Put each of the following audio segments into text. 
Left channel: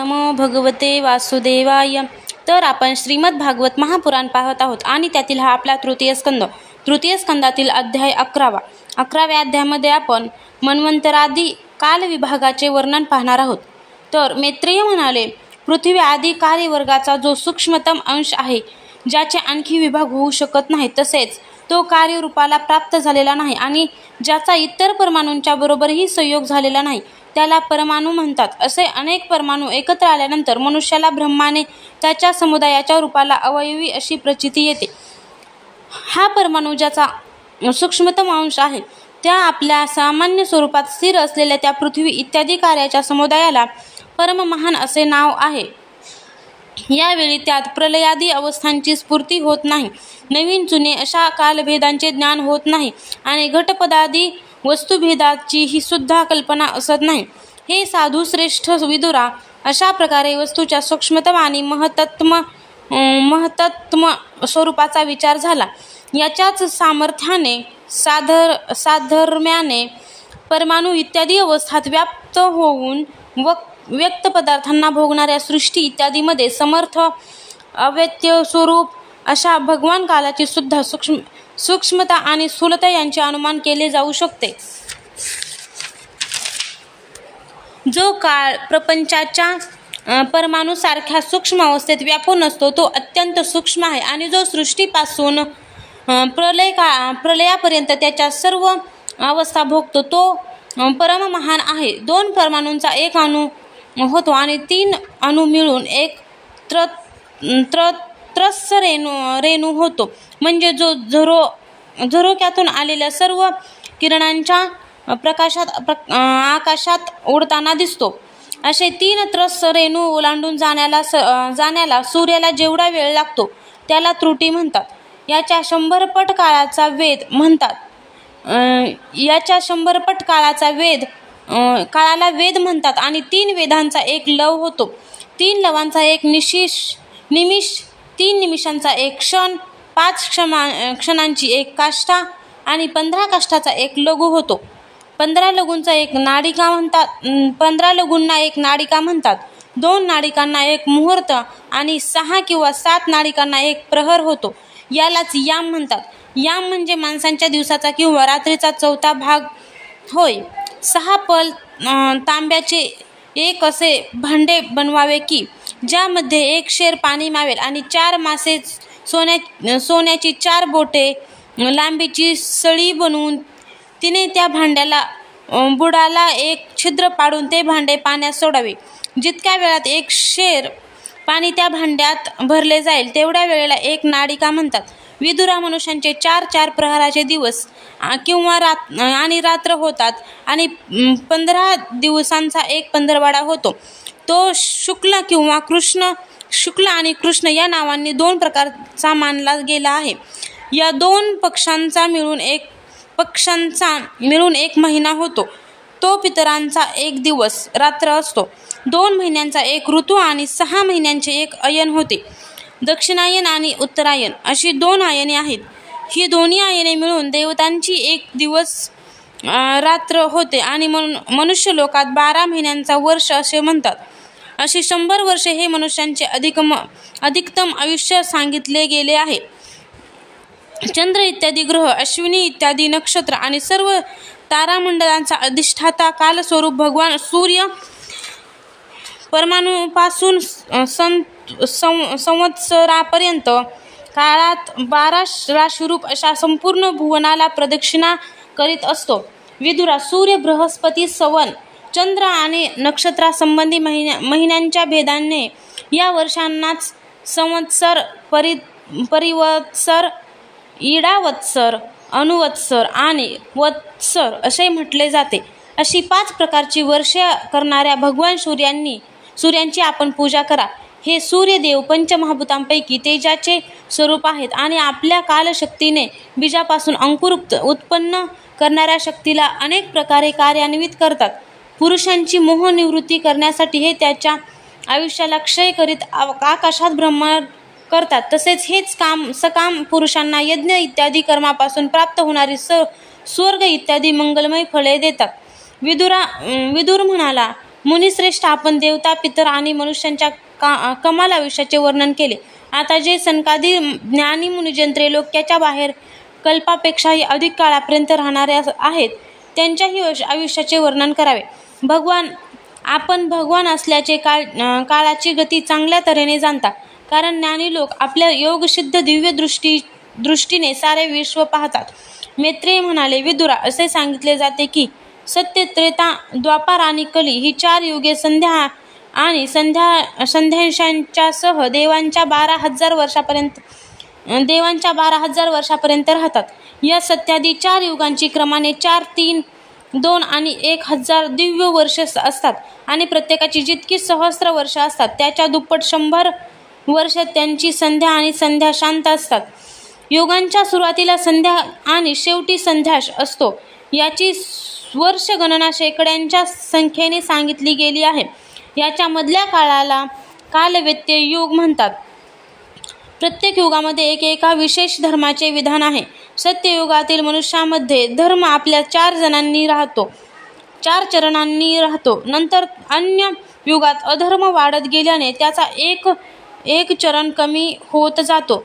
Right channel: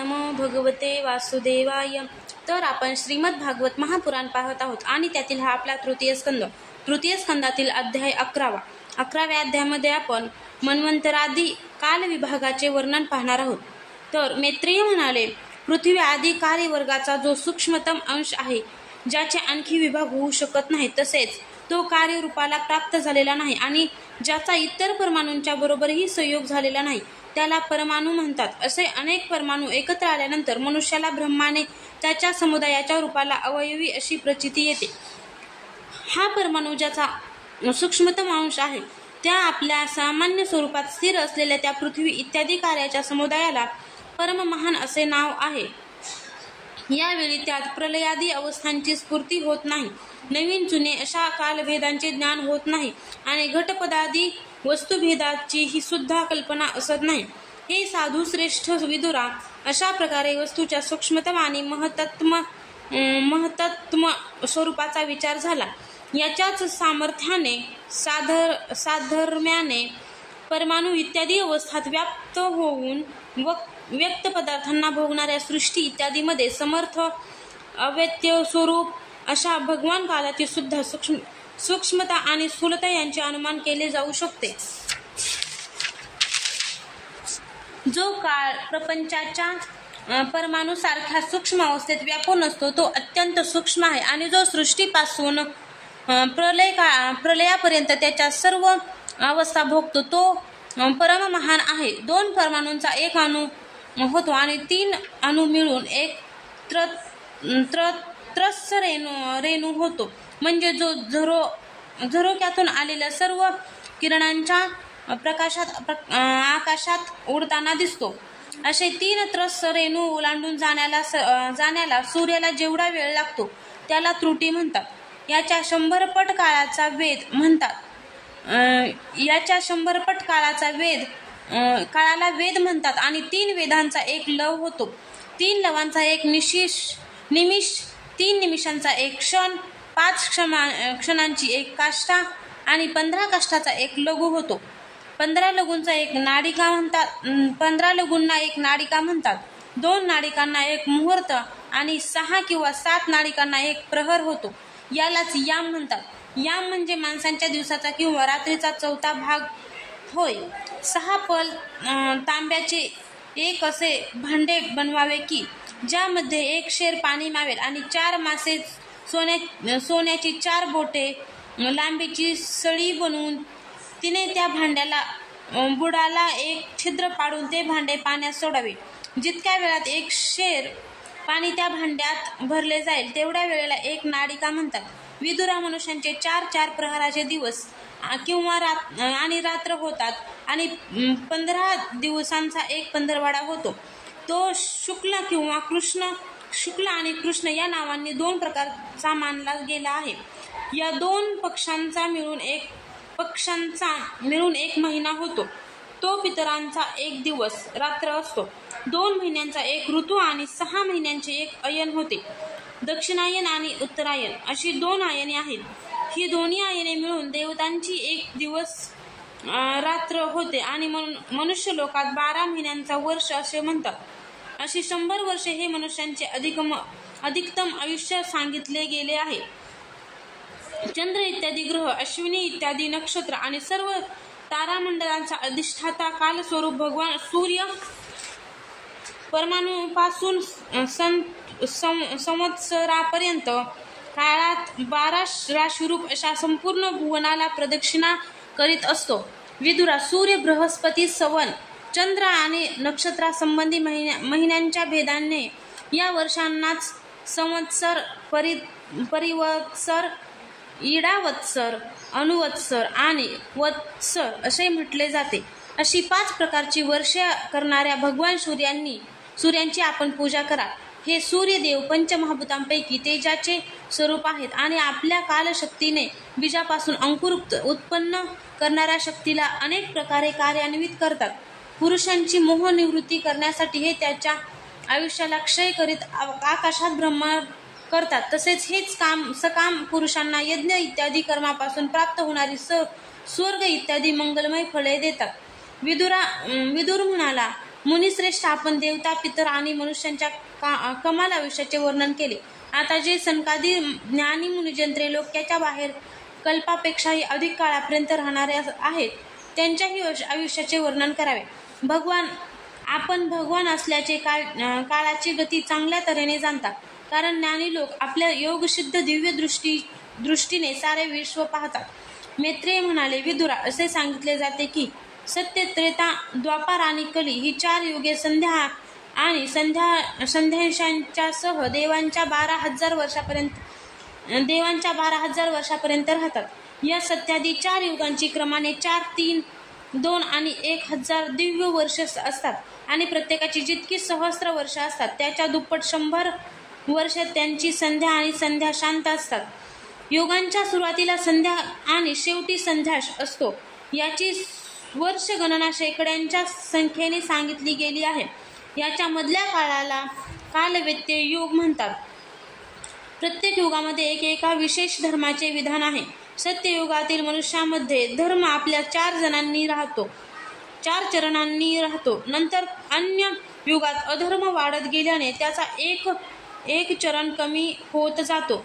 नमो भगवते वासुदेवाय. तर आपण श्रीमद भागवत महापुराण पाहत आहोत आणि त्यातील हा आपला तृतीय स्कंदातील अध्याय 11व्या अध्यायामध्ये आपण मन्वंतरादी काल विभागाचे वर्णन पाहणार आहोत. तर मैत्रेय म्हणाले, पृथ्वी आदी कार्यवर्गाचा जो सूक्ष्मतम अंश आहे, ज्याचे आणखी विभाग होऊ शकत नाही, तसेच तो कार्यरूपाला प्राप्त झालेला नाही आणि ज्याचा इतर परमाणूंच्या बरोबरही संयोग झालेला नाही, त्याला परमाणू म्हणतात. असे अनेक परमाणू एकत्र आल्यानंतर मनुष्याला ब्रह्माने त्याच्या समुदायाच्या रूपाला अवयवी अशी प्रचिती येते. हा परमाणू ज्याचा सूक्ष्मतम अंश आहे, त्या आपल्या सामान्य स्वरूपात स्थिर असलेल्या त्या पृथ्वी इत्यादी कार्याच्या समुदायाला परममहान असे नाव आहे. यावेळी त्यात प्रलयादी अवस्थांची स्फूर्ती होत नाही, नवीन जुने अशा कालभेदांचे ज्ञान होत नाही आणि घटपदादी वस्तुभेदाची ही सुद्धा कल्पना असत नाही. हे साधू श्रेष्ठ विदुरा, अशा प्रकारे वस्तूच्या सूक्ष्मतम आणि महत्तम स्वरूपाचा विचार झाला. याच्याच सामर्थ्याने साधर्म्याने परमाणू इत्यादी अवस्थात व्याप्त होऊन व्यक्त पदार्थांना भोगणाऱ्या सृष्टी इत्यादीमध्ये समर्थ अव्यक्त्य स्वरूप अशा भगवान कालाची सुद्धा सूक्ष्मता आणि स्थूलता यांचे अनुमान केले जाऊ शकते. जो काळ प्रपंचाच्या परमाणूसारख्या सूक्ष्म अवस्थेत व्यापून असतो, तो अत्यंत सूक्ष्म आहे आणि जो सृष्टीपासून प्रलयापर्यंत त्याच्या सर्व अवस्था भोगतो, तो परममहान आहे. 2 परमाणूंचा एक अणू होतो आणि 3 अणू मिळून एक त्रस्स रेणू होतो, म्हणजे जो झरोक्यातून आलेल्या सर्व किरणांच्या प्रकाशात आकाशात उडताना दिसतो. असे 3 त्रस्स रेणू ओलांडून जाण्याला सूर्याला जेवढा वेळ लागतो, त्याला त्रुटी म्हणतात. याच्या 100 पट काळाचा काळाला वेद म्हणतात आणि 3 वेदांचा एक लव होतो. 3 लवांचा एक निमिष, 3 निमिषांचा एक क्षण, 5 क्षणांची एक काष्ठा आणि 15 काष्ठाचा एक लघु होतो. 15 लघूंचा एक नाडिका म्हणतात. 15 लघूंना एक नाडिका म्हणतात. 2 नाडिकांना एक मुहूर्त आणि 6 किंवा 7 नाडिकांना एक प्रहर होतो. यालाच याम म्हणतात. याम म्हणजे माणसांच्या दिवसाचा किंवा रात्रीचा 4था भाग होय. 6 पल तांब्याचे एक असे भांडे बनवावे की ज्यामध्ये 1 शेर पाणी मावेल आणि 4 मासे सोन्याची 4 बोटे लांबीची सळी बनवून तिने त्या भांड्याला बुडाला एक छिद्र पाडून ते भांडे पाण्यात सोडावे. जितक्या वेळात 1 शेर पाणी त्या भांड्यात भरले जाईल, तेवढ्या वेळेला एक नाडिका म्हणतात. विदुरा, मनुष्यांचे 4 प्रहराचे दिवस किंवा आणि रात्र होतात आणि 15 दिवसांचा एक पंधरवाडा होतो. तो शुक्ल आणि कृष्ण या नावांनी 2 प्रकारचा मानला गेला आहे. या 2 पक्षांचा मिळून एक महिना होतो. तो पितरांचा 1 दिवस रात्र असतो. 2 महिन्यांचा एक ऋतू आणि 6 महिन्यांचे एक अयन होते. दक्षिणायन आणि उत्तरायण अशी 2 आयने आहेत. ही दोन्ही आयने मिळून देवतांची 1 दिवस रात्र होते आणि मनुष्य लोकात 12 महिन्यांचा वर्ष असे म्हणतात. अशी 100 वर्षे हे मनुष्यांचे अधिकतम आयुष्य सांगितले गेले आहे. चंद्र इत्यादी ग्रह, अश्विनी इत्यादी नक्षत्र आणि सर्व तारामंडळांचा अधिष्ठाता कालस्वरूप भगवान सूर्य परमाणूपासून संवत्सरापर्यंत काळात 12 राशीरूप अशा संपूर्ण भुवनाला प्रदक्षिणा करीत असतो. विदुरा, सूर्य, बृहस्पती, सवन, चंद्र आणि नक्षत्रासंबंधी महिन्यांच्या भेदाने या वर्षांनाच संवत्सर, परिवत्सर, इडावत्सर, अनुवत्सर आणि वत्सर असे म्हटले जाते. अशी 5 प्रकारची वर्षे करणाऱ्या भगवान सूर्यांची आपण पूजा करा. हे सूर्यदेव पंचमहाभूतांपैकी तेजाचे स्वरूप आहेत आणि आपल्या कालशक्तीने बीजापासून अंकुर उत्पन्न करणाऱ्या शक्तीला अनेक प्रकारे कार्यान्वित करतात. पुरुषांची मोहनिवृत्ती करण्यासाठी हे त्याच्या आयुष्याला क्षय करीत आकाशात भ्रमण करतात. तसेच हेच सकाम पुरुषांना यज्ञ इत्यादी कर्मापासून प्राप्त होणारी स्वर्ग इत्यादी मंगलमय फळे देतात. विदुर म्हणाला, मुनिश्रेष्ठ, आपण देवता, पितर आणि मनुष्यांच्या कमाल आयुष्याचे वर्णन केले. आता जे सनकादी ज्ञानी मुनिजन त्रैलोक्याच्या बाहेर कल्पापेक्षाही अधिक काळापर्यंत राहणारे आहेत, त्यांच्याही आयुष्याचे वर्णन करावे. आपण भगवान असल्याचे काळाची गती चांगल्या तऱ्हेने जाणता, कारण ज्ञानी लोक आपल्या योगसिद्ध दिव्य दृष्टीने सारे विश्व पाहतात. मैत्रेय म्हणाले, विदुरा, असे सांगितले जाते की सत्य, त्रेता, द्वापार आणि कली ही 4 युगे संध्या आणि संध्यांशांच्यासह देवांच्या 12,000 वर्षापर्यंत राहतात. या सत्यादी 4 युगांची क्रमाने 4, 3, 2 आणि 1,000 दिव्य वर्ष असतात आणि प्रत्येकाची जितकी सहस्त्र वर्ष असतात त्याच्या दुप्पट 100 वर्ष त्यांची संध्या आणि संध्या शांत असतात. युगांच्या सुरुवातीला संध्या आणि शेवटी संध्याश असतो. याची वर्ष गणना शेकड्यांच्या संख्येने सांगितली गेली आहे. याच्या मधल्या काळाला कालव्यत्यय युग म्हणतात. प्रत्येक युगामध्ये एका विशेष धर्माचे विधान आहे. सत्ययुगातील मनुष्यामध्ये धर्म आपल्या 4 चरणांनी राहतो. नंतर अन्य युगात अधर्म वाढत गेल्याने त्याचा एक चरण कमी होत जातो.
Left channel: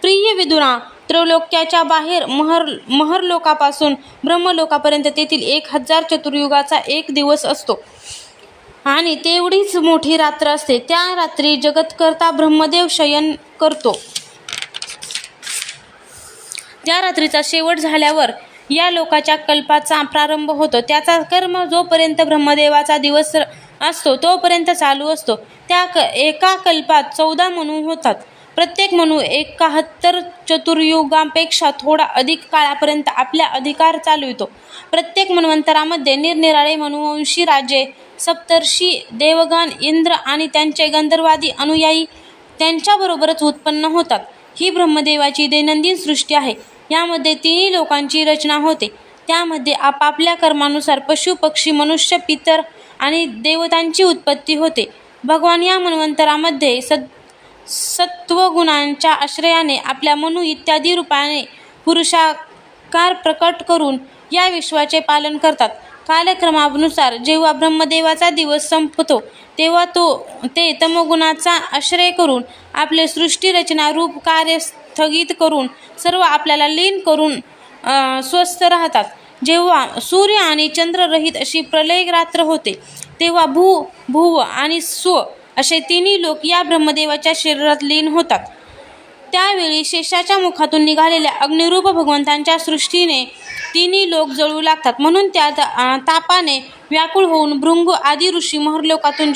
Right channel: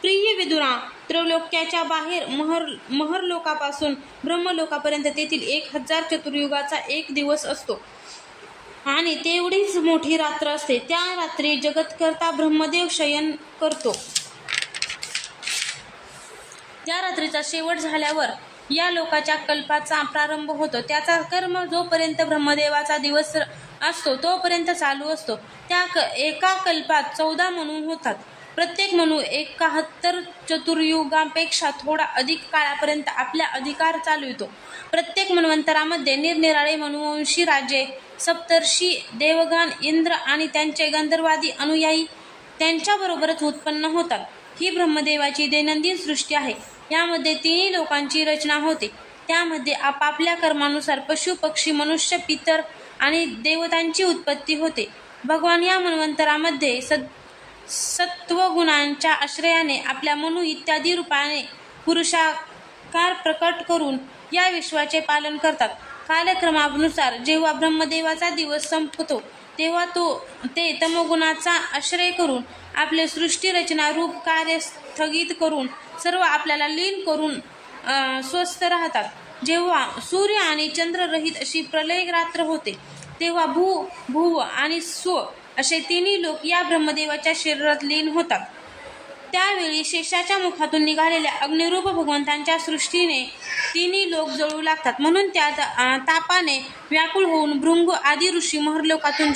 प्रिय विदुरा, त्रैलोक्याच्या बाहेर महरलोकापासून ब्रह्मलोकापर्यंत तेथील 1,000 चतुर्युगाचा एक दिवस असतो आणि तेवढीच मोठी रात्र असते. त्या रात्री जगतकर्ता ब्रह्मदेव शयन करतो. त्या रात्रीचा शेवट झाल्यावर या लोकाच्या कल्पाचा प्रारंभ होतो. त्याचा कर्म जोपर्यंत ब्रह्मदेवाचा दिवस असतो तोपर्यंत चालू असतो. त्या एका कल्पात 14 मनू होतात. प्रत्येक मनू 71 चतुर्युगांपेक्षा थोडा अधिक काळापर्यंत आपला अधिकार चालवितो. प्रत्येक मन्वंतरामध्ये निरनिराळे मनुवंशी राजे, सप्तर्षी, देवगण, इंद्र आणि त्यांचे गंधर्वादी अनुयायी त्यांच्याबरोबरच उत्पन्न होतात. ही ब्रह्मदेवाची दैनंदिन सृष्टी आहे. यामध्ये 3 लोकांची रचना होते. त्यामध्ये आपापल्या कर्मानुसार पशु, पक्षी, मनुष्य, पितर आणि देवतांची उत्पत्ती होते. भगवान या मन्वंतरामध्ये सत्वगुणांच्या आश्रयाने आपल्या मनू इत्यादी रूपाने पुरुषाकार प्रकट करून या विश्वाचे पालन करतात. कालक्रमानुसार जेव्हा ब्रह्मदेवाचा दिवस संपतो तेव्हा ते तमोगुणाचा आश्रय करून आपले सृष्टी रचना रूप कार्य स्थगित करून सर्व आपल्याला लीन करून स्वस्थ राहतात. जेव्हा सूर्य आणि चंद्ररहित अशी प्रलय रात्र होते तेव्हा भुव आणि स्व असे 3 लोक या ब्रह्मदेवाच्या शरीरात लीन होतात. त्यावेळी शेषाच्या मुखातून निघालेल्या अग्निरूप भगवंतांच्या सृष्टीने 3 लोक जळू लागतात. म्हणून त्या तापाने व्याकुळ होऊन भृंग आदी ऋषी महर्लोकातून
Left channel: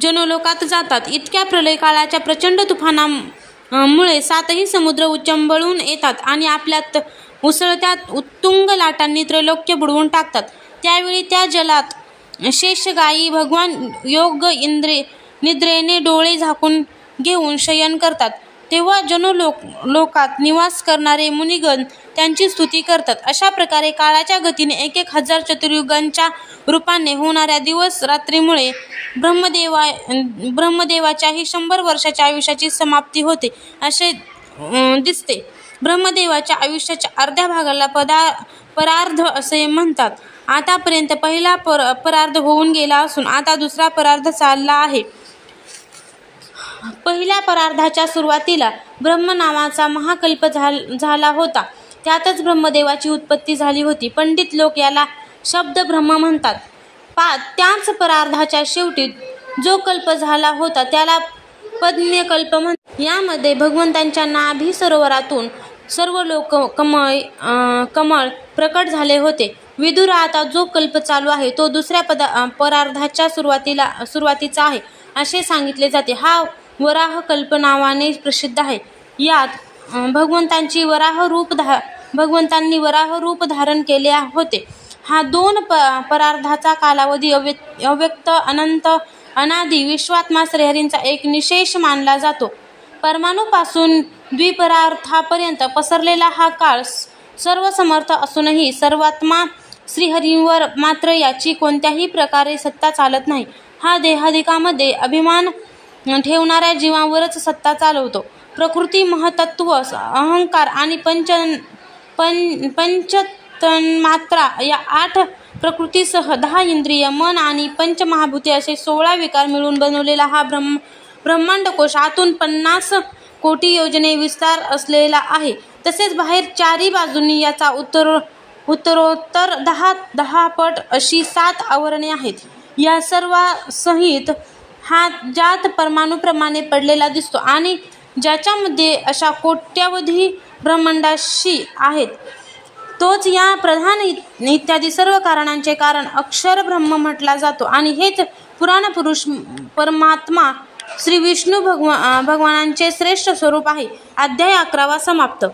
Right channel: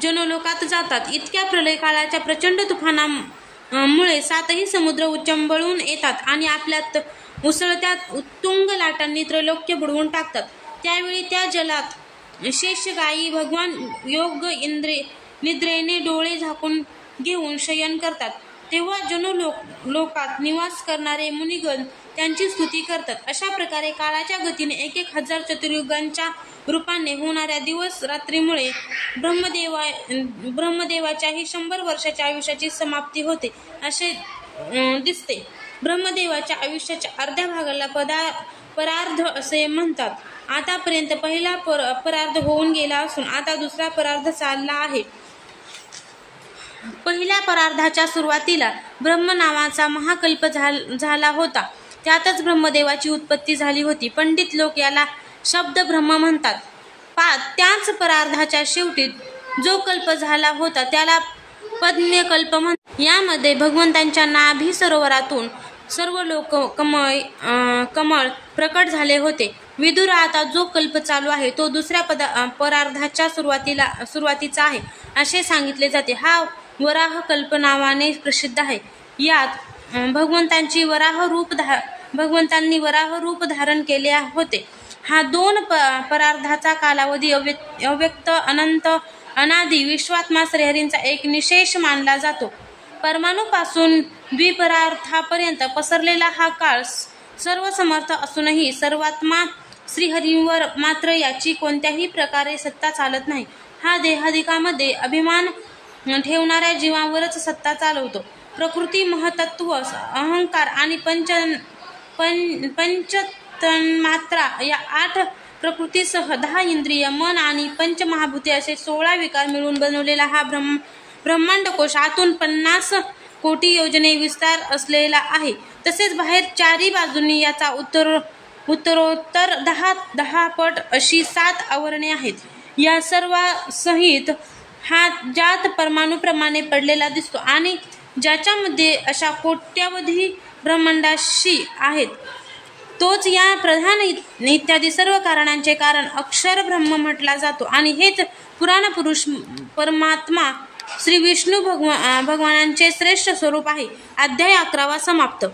जनोलोकात जातात. इतक्या प्रलय काळाच्या प्रचंड तुफानामुळे 7ही समुद्र उच्चंबळून येतात आणि आपल्यात उसळत्या उत्तुंग लाटांनी त्रैलोक्य बुडवून टाकतात. त्यावेळी त्या जलात शेषगायी भगवान योग निद्रेने डोळे झाकून घेऊन शयन करतात. तेव्हा जनोलोकात निवास करणारे मुनिगण त्यांची स्तुती करतात. अशा प्रकारे काळाच्या गतीने 1,000 चतुर्युगांच्या रूपाने होणाऱ्या दिवस रात्रीमुळे ब्रह्मदेवाच्याही 100 वर्षाच्या आयुष्याची समाप्ती होते असे दिसते. ब्रह्मदेवाच्या आयुष्याच्या अर्ध्या भागाला परार्ध असे म्हणतात. आतापर्यंत पहिला परार्ध होऊन गेला असून आता दुसरा परार्ध चालला आहे. पहिल्या परार्धाच्या सुरुवातीला ब्रह्म नावाचा महाकल्प झाला होता. त्यातच ब्रह्मदेवाची उत्पत्ती झाली होती. पंडित लोक याला शब्द ब्रह्म म्हणतात. त्याच परार्धाच्या शेवटी जो कल्प झाला होता त्याला पद्म्यकल्प म्हणतात. यामध्ये भगवंतांच्या नाभी सरोवरातून सर्व लोक कमळ प्रकट झाले होते. विदुरा, आता जो कल्प चालू आहे तो दुसऱ्या परार्धाच्या सुरुवातीचा आहे असे सांगितले जाते. हा वराह कल्प नावाने प्रसिद्ध आहे. यात भगवंतांनी वराह रूप धारण केले होते. हा 2 परार्धाचा कालावधी अव्यक्त, अनंत, अनादी विश्वात्मा श्रीहरींचा एक निशेष मानला जातो. परमाणूपासून द्विपरार्थापर्यंत पसरलेला हा काळ सर्वसमर्थ असूनही सर्वात्मा श्रीहरींवर मात्र याची कोणत्याही प्रकारे सत्ता चालत नाही. हा देहादिकामध्ये अभिमान ठेवणाऱ्या जीवांवरच सत्ता चालवतो. प्रकृती, महतत्व, अहंकार आणि पंचतन्मात्रा या 8 प्रकृतीसह 10 इंद्रिय, मन आणि पंचमहाभूते असे 16 विकार मिळून बनवलेला हा ब्रह्मांडकोश आतून 50 कोटी योजने विस्तार असलेला आहे. तसेच बाहेर चारी बाजूंनी याचा उत्तरोत्तर 10 पट अशी 7 आवरणे आहेत. या सर्वांसहित हा ज्यात परमाणूप्रमाणे पडलेला दिसतो आणि ज्याच्यामध्ये अशा कोट्यावधी ब्रह्मांडाशी आहेत, तोच या प्रधान इत्यादी सर्व कारणांचे कारण अक्षर ब्रह्म म्हटला जातो आणि हेच पुराणपुरुष परमात्मा श्री विष्णू भगवानांचे श्रेष्ठ स्वरूप आहे. अध्याय 11 समाप्त.